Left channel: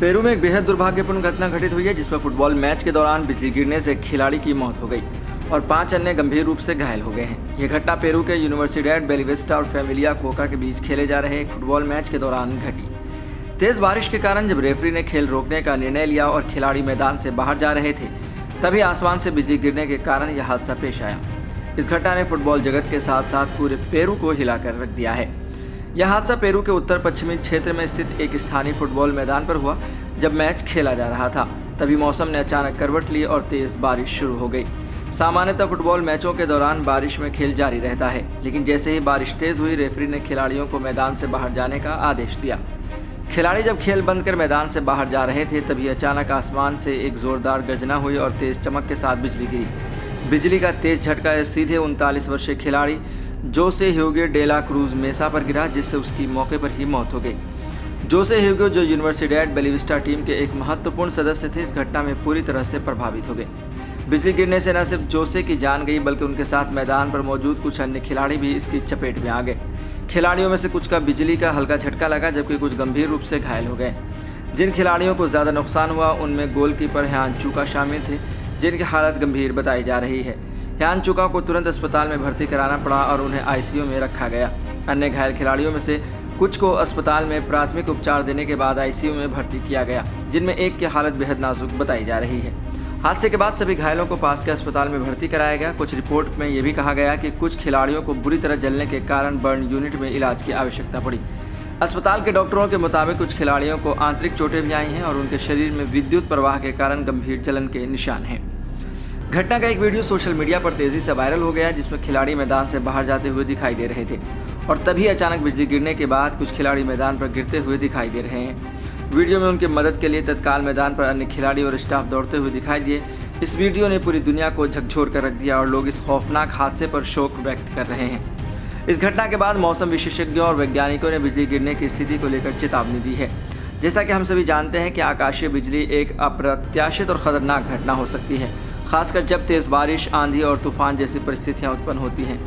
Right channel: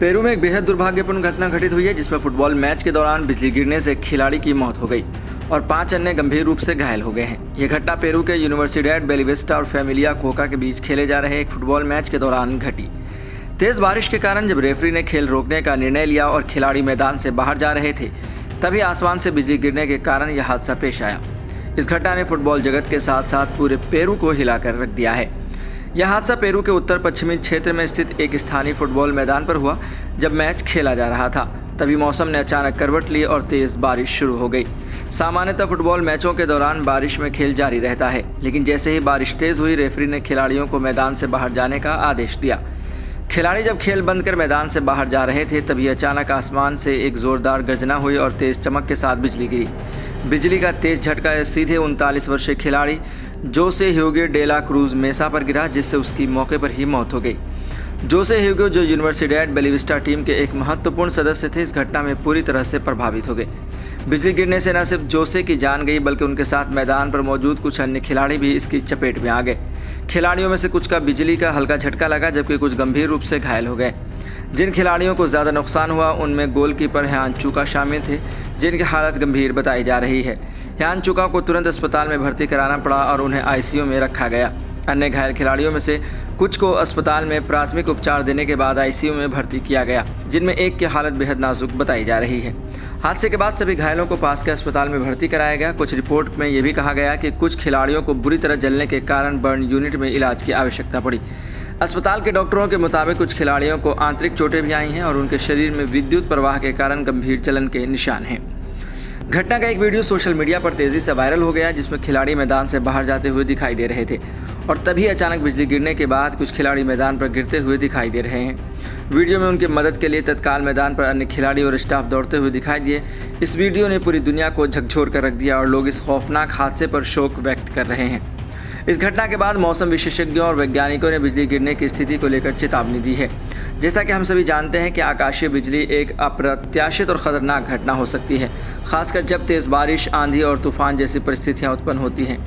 Peru में एक बेहद दुर्भाग्यपूर्ण घटना घटित हुई है, जिसमें फुटबॉल मैच के दौरान बिजली गिरने से एक खिलाड़ी की मौत हो गई और 5 अन्य गंभीर रूप से घायल हो गए हैं। यह घटना पेरू के यूनिवर्सिडैड बेलीविस्टा और फैमिलिया कोका के बीच खेले जा रहे एक फुटबॉल मैच के दौरान घटी। तेज बारिश के कारण जब रेफरी ने खेल रोकने का निर्णय लिया और खिलाड़ी मैदान से बाहर जा रहे थे, तभी आसमान से बिजली गिरने के कारण यह हादसा पेश आया। इस घटना ने फुटबॉल जगत के साथ साथ पूरे पेरू को हिलाकर रख दिया है। यह हादसा पेरू के उत्तर पश्चिमी क्षेत्र में स्थित एक स्थानीय फुटबॉल मैदान पर हुआ। जब मैच खेला जा रहा था, तभी मौसम ने अचानक करवट ली और तेज बारिश शुरू हो गई। सामान्यतः फुटबॉल मैचों के दौरान बारिश में खेल जारी रहता है, लेकिन जैसे ही बारिश तेज हुई, रेफरी ने खिलाड़ियों को मैदान से बाहर जाने का आदेश दिया। खिलाड़ी जब खेल बंद कर मैदान से बाहर जा रहे थे, तभी अचानक आसमान से एक जोरदार गर्जना हुई और तेज चमक के साथ बिजली गिरी। बिजली का तेज झटका सीधे 39 वर्षीय खिलाड़ी जोसे ह्यूगो डेला क्रूज मेसा पर गिरा, जिससे उसकी मौके पर ही मौत हो गई। जोसे ह्यूगो, जो यूनिवर्सिडैड बेलीविस्टा टीम के एक महत्वपूर्ण सदस्य थे, इस घटना में पूरी तरह से प्रभावित हो गए। बिजली गिरने से न सिर्फ जोसे की जान गई, बल्कि उनके साथ मैदान पर मौजूद कुछ अन्य खिलाड़ी भी इसकी चपेट में आ गए। खिलाड़ियों में से कुछ का बिजली का हल्का झटका लगा, जबकि कुछ गंभीर रूप से घायल हो गए। जिन खिलाड़ियों को ज़्यादा नुकसान हुआ, उनमें गोलकीपर ह्यान चुका शामिल थे, जिनकी हालत गंभीर बताई जा रही है। ह्यान चुका को तुरंत अस्पताल में भर्ती कराना पड़ा और उन्हें आईसीयू में रखा गया। अन्य घायल खिलाड़ियों में से कुछ को अस्पताल में प्राथमिक उपचार देने के बाद आईसीयू में भर्ती किया गया, जिनमें एक की हालत बेहद नाजुक बताई जा रही है। हादसे के बाद सभी घायलों को पास के अस्पताल में भर्ती कराया गया। कुछ रिपोर्ट में यह भी कहा गया कि कुछ खिलाड़ियों को बुरी तरह जलने के कारण बर्न यूनिट में इलाज की आवश्यकता पड़ी। अस्पताल के डॉक्टरों के मुताबिक कुछ खिलाड़ियों को आंतरिक चोटें भी आई हैं और उनके शरीर में विद्युत प्रवाह के कारण गंभीर जलन के निशान हैं। घटना का एक वीडियो सोशल मीडिया पर तेज़ी से वायरल हो गया, जिसमें खिलाड़ी मैदान से बाहर जाते हुए दिखाई दे रहे थे और तभी अचानक बिजली गिरने के बाद कुछ खिलाड़ी मैदान पर गिरते हुए दिखाई दे रहे हैं। वीडियो में उनकी मदद के लिए तत्काल मैदान पर अन्य खिलाड़ी और स्टाफ दौड़ते हुए दिखाई दिए। इस वीडियो ने पूरी दुनिया को झकझोर कर रख दिया और लोग इस खौफनाक हादसे पर शोक व्यक्त कर रहे हैं। इस घटना के बाद मौसम विशेषज्ञों और वैज्ञानिकों ने बिजली गिरने की स्थिति को लेकर चेतावनी दी है। जैसा कि हम सभी जानते हैं कि आकाशीय बिजली एक अप्रत्याशित और ख़तरनाक घटना हो सकती है, खासकर जब तेज़ बारिश, आंधी और तूफान जैसी परिस्थितियां उत्पन्न होती हैं।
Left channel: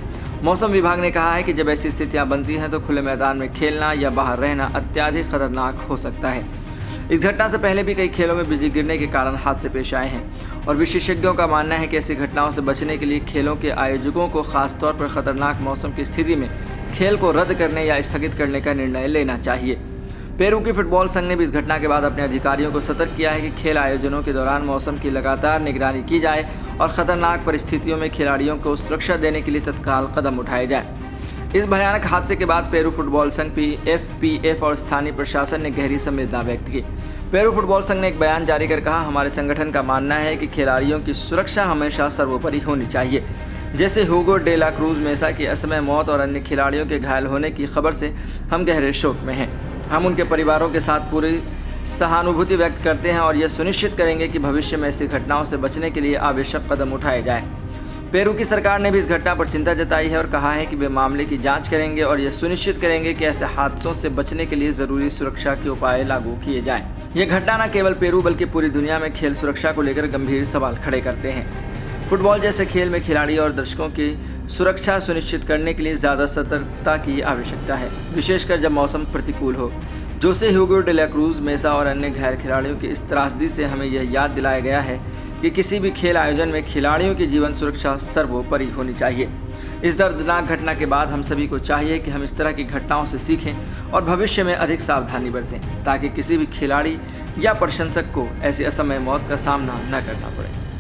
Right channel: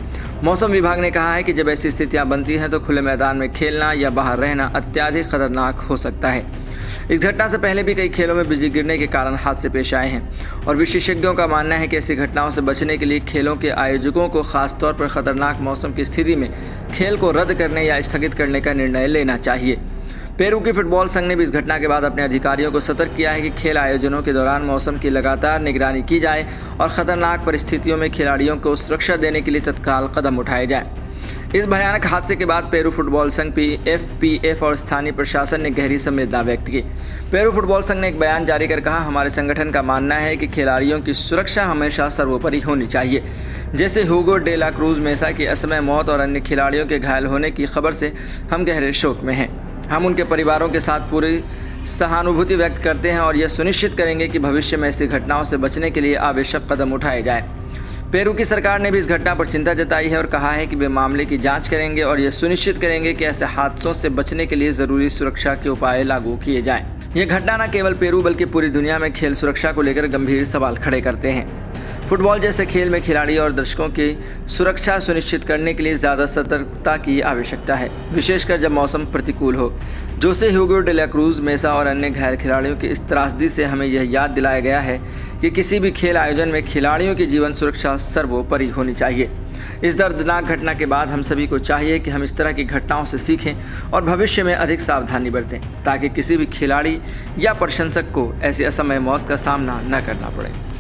मौसम विभाग ने कहा है कि जब ऐसी स्थितियां बनती हैं, तो खुले मैदान में खेलना या बाहर रहना अत्यधिक खतरनाक हो सकता है। इस घटना से पहले भी कई खेलों में बिजली गिरने के कारण हादसे पेश आए हैं और विशेषज्ञों का मानना है कि ऐसी घटनाओं से बचने के लिए खेलों के आयोजकों को खासतौर पर खतरनाक मौसम की स्थिति में खेल को रद्द करने या स्थगित करने का निर्णय लेना चाहिए। पेरू की फुटबॉल संघ ने भी इस घटना के बाद अपने अधिकारियों को सतर्क किया है कि खेल आयोजनों के दौरान मौसम की लगातार निगरानी की जाए और खतरनाक परिस्थितियों में खिलाड़ियों को सुरक्षा देने के लिए तत्काल कदम उठाए जाएं। इस भयानक हादसे के बाद पेरू फुटबॉल संघ PFPF और स्थानीय प्रशासन ने गहरी संवेदना व्यक्त की। पेरू फुटबॉल संघ ने एक बयान जारी कर कहा, हमारे संगठन का मानना है कि खिलाड़ियों की सुरक्षा हमेशा सर्वोपरि होनी चाहिए। जैसे ह्यूगो डेला क्रूज मेसा की असमय मौत और अन्य खिलाड़ियों के घायल होने की खबर से हम गहरे शोक में हैं। हम उनके परिवारों के साथ पूरी सहानुभूति व्यक्त करते हैं और यह सुनिश्चित करेंगे कि भविष्य में ऐसी घटनाओं से बचने के लिए आवश्यक कदम उठाए जाएं। पेरू की सरकार ने भी इस घटना पर चिंता जताई है और कहा है कि वे मामले की जांच करेंगे और यह सुनिश्चित करेंगे कि ऐसे हादसों से बचने के लिए ज़रूरी सुरक्षा के उपाय लागू किए जाएं। यह घटना न केवल पेरू बल्कि पूरी दुनिया में खेल सुरक्षा को लेकर गंभीर सवाल खड़े करते हैं। फुटबॉल जैसे खेल में खिलाड़ी और दर्शकों की सुरक्षा सुनिश्चित करने के लिए ज़्यादा सतर्कता की आवश्यकता है, विशेषकर जब मौसम प्रतिकूल हो। जोसे ह्यूगो डेला क्रूज मेसा और अन्य घायल खिलाड़ियों की इस त्रासदी से हमें यह याद दिलाया गया है कि किसी भी खेल आयोजन में खिलाड़ियों की जीवन सुरक्षा सर्वोपरि होनी चाहिए। इस दर्दनाक घटना के बाद हम सभी को चाहिए कि हम इस तरह की घटनाओं से सीखें और भविष्य में अधिक सावधानी बरतें, ताकि किसी भी खिलाड़ी या प्रशंसक को ऐसी असमय मौत का सामना न करना पड़े।